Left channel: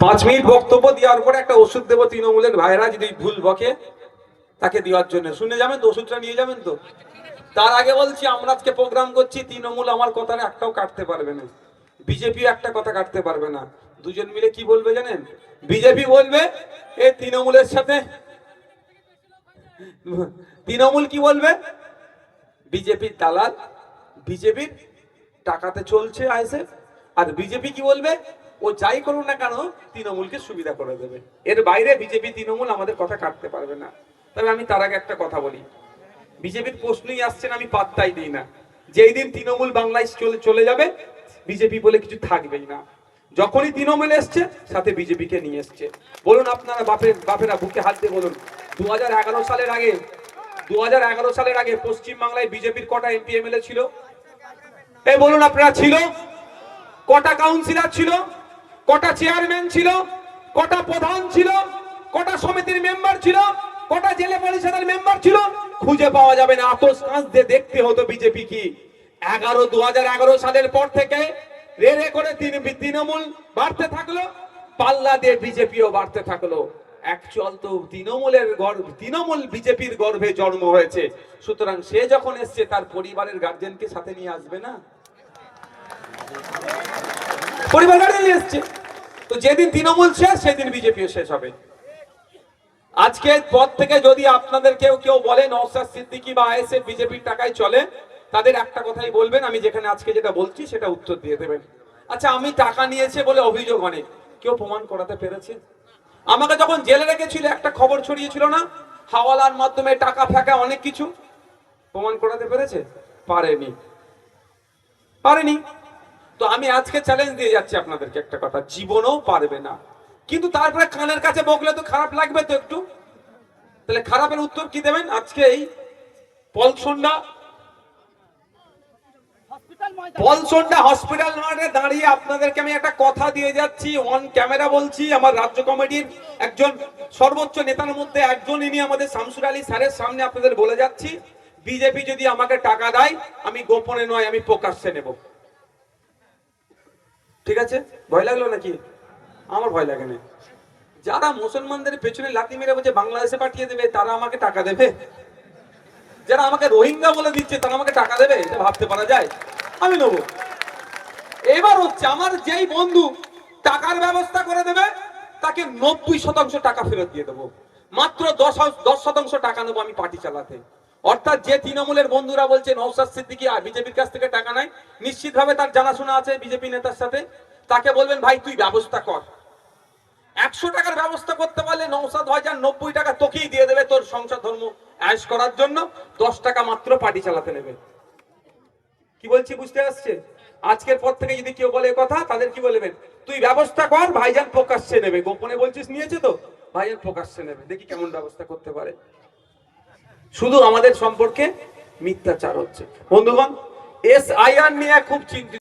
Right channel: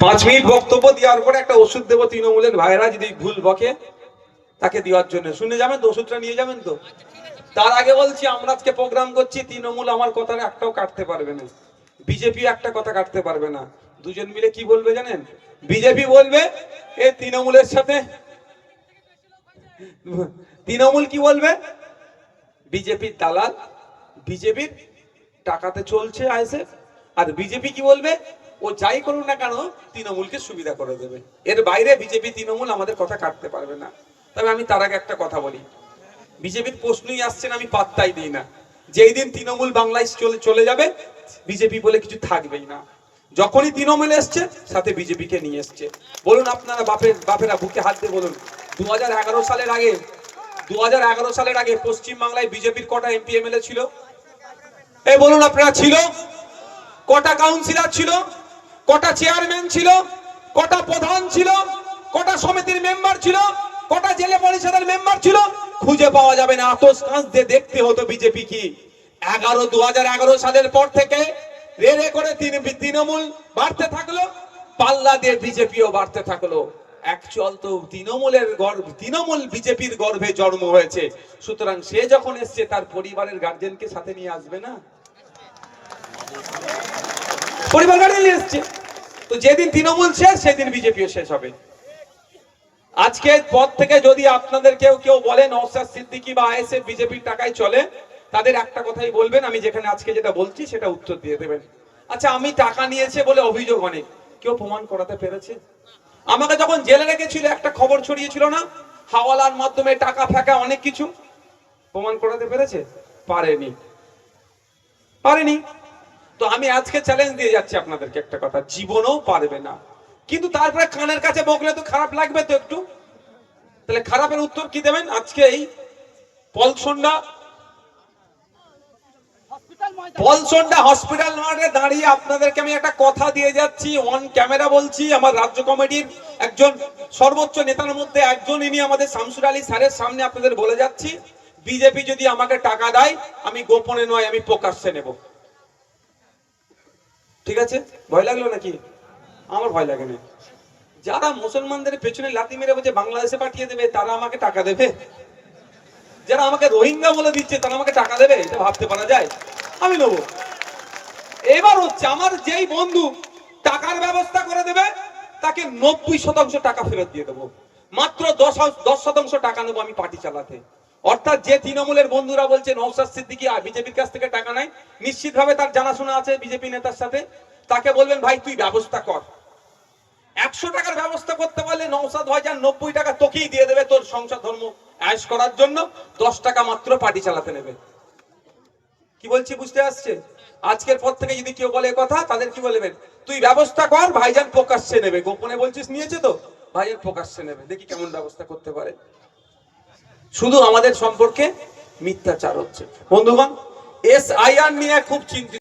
5 minute বক্তব্য দেওয়ার পরে একটা ওষুধ দেবো তৃণমূলের ভাইরা যদি ভুল বকে তাকে দেওয়ার জন্য। শুনে যাবেন তো, ওষুধটা নিয়ে যাবেন তো। তার আগে বলছি, আমরা আজকে প্রোগ্রাম করছি, তৃণমূল আমার কথার একটাও কাটতে পারবে না, বিজেপি একটা কথা কাটতে পারবে না। দুজন মিলে কি বলবে জানেন? বিজেপি বলবে এ তৃণমূলের সাথে, তৃণমূল কি বলবে? বিজেপির দালাল, বিজেপির টাকাতে চলছে আসে। আর বিজেপি কি বলবে? ও যাই করুন না কেন তৃণমূলকে সুবিধা করে দেবে। এর বাইরে বিজেপি তৃণমূল আমাদের কথা কাটতে পারবে না। তবে আমি তার আগে একটা কথা বলি, বিজেপির প্রশ্নই আসছে না, আমি পাত্তাই দিই না। যেই দিন তৃণমূল বাংলায় চলে যাবে, বিজেপি বলে কিছু থাকবেই না। যখনই তৃণমূল এসছে, সাথে বিজেপিকে নিয়ে এসছে। বলুন আপনারা বাপেরা বুকে হাত দিয়ে বলুন, 2011 সালের আগে 2011 সালের আগে পশ্চিম বাংলায় বিজেপির কটা এমপি এমএলএ ছিল? এই বলুন আপনারা, ছিল? কটা কাউন্সিলর ছিল? কটা চেয়ারম্যান ছিল? কটা প্রধান ছিল? কটা সমিতির মেম্বার ছিল? কটা জেলা পরিষদের মেম্বার ছিল? খুঁজে পাওয়া যাবে না। আতস কাঁচ দিয়ে দেখতে হতো বিজেপি কি। 2011 সালের পর থেকে রে রে করে তৃণমূল বাড়তে থাকলো, পাল্লা দিয়ে বিজেপিও বাড়তে থাকলো। অ্যাকচুয়াল তো তৃণমূল বিজেপির গর্ভে জন্ম হয়েছে। সুতরাং সে যখন এসছে, তার পরিবারের গার্জেনকে সাথে নিয়ে আসবে না? পরিবার গার্জেন নিয়ে এসছে। তো যেদিন তৃণমূল শেষ, সেদিন বিজেপিও শেষ হবে। আজকের পর থেকে যদি আপনাদের কেউ বলে নওশাদ সিদ্দিকী বা আইএসএফ বিজেপির টাকায় চলে, তাদের একটা কথাই বলবেন, আমি যেখানে আজকে যেটা বলছি সেটা উত্তর দিয়ে দেবেন। আচ্ছা, আমি টাকা নিয়েছে বলে অভিযোগ অনেক, কেউ প্রমাণ করাতে পেরেছে? আমাকে যখন জেলে রেখেছিল, একটা খবর ছড়িয়েছিল না, হাওয়ালার মাধ্যমে টাকা ফাঁকা অনেক কিছু, প্রমাণ করাতে পেরেছে? পারেনি। তো আমি আজকে চ্যালেঞ্জ দিয়ে যাচ্ছি আপনাদেরকে একটা কথা, জীবনেও পারবে না। কিন্তু তারপরে কানের কাছে বকলে তো খারাপ লাগবে তো একটু। তাহলে খারাপের উত্তর কি দেবেন? আজকে এই পলসন্ডা হসপিটাল মাঠে দাঁড়িয়ে আপনাদেরকে আমি একটা কথা দিয়ে যাচ্ছি, অন ক্যামেরা বলছি। আমার রাজ্য কমিটির একজন সর্বোচ্চ নেতার মধ্যে একজন, ইনি আমাদের শামসুর আলী স্যারের সামনে আপনাদের বলে যাচ্ছি, বিজেপি যদি আমাকে টাকা দেয়, আমি গোপনে নয়, আমি প্রকাশ্যে নেব। ঠিক আছে? ভয় লাগলো নাকি? আমার ভয় লাগে না। যারা মুসলমানদের পেছনে লাথি মেরে বলছে বাংলাদেশে পাঠিয়ে দেবে, তারা আমাকে টাকা দেবে? যারা আমাকে রোহিঙ্গা বলে দিচ্ছে, তারা আমাকে টাকা দেবে? এটা ভাবতে পারা যায়? আমি নেব। এবার হচ্ছে, আমার যেই বন্ধু টাকার ব্যবস্থা করে দেবে, তাকে 90% টাকা ফেরত দিয়ে দেবো। মাত্র 10% টাকা নেবো আমি পার্টি চালাতে। অর্থাৎ যে তৃণমূলের বন্ধুরা বলছে নওশাদ সিদ্দিকী বিজেপির কাছ থেকে টাকা নেয়, নিশ্চিতভাবে তার জানাশোনা আছে বিজেপি নেতার সাথে। তাকে বলবেন, ভাই তুই ব্যবস্থা কর। 100 টাকার ব্যবস্থা করতে পারলে নওশাদ ভাইজান 90 টাকা তোকেই দিয়ে দেবে তোর সংসার ধর্ম আয়েশ করার জন্য। 10 টাকা মাত্র পার্টি চালাতে নেবে। কি বলছি বুঝতে আসছে? আজকের পর থেকে যদি কেউ বলে কথা, তাদের কি বলবেন? তুই ব্যবস্থা কর, ভাইজান প্রকাশ্যে নেবে। গোপনে বলছিস নিয়েছে তো, ভাইজান প্রকাশ্যে নেবে। দেখি কেমন ব্যবস্থা করতে পারে। শুধু আমাদের সম্পর্কে মিথ্যাচার হচ্ছে। বন্ধুগণ, SIR নিয়ে খুব চিন্তিত।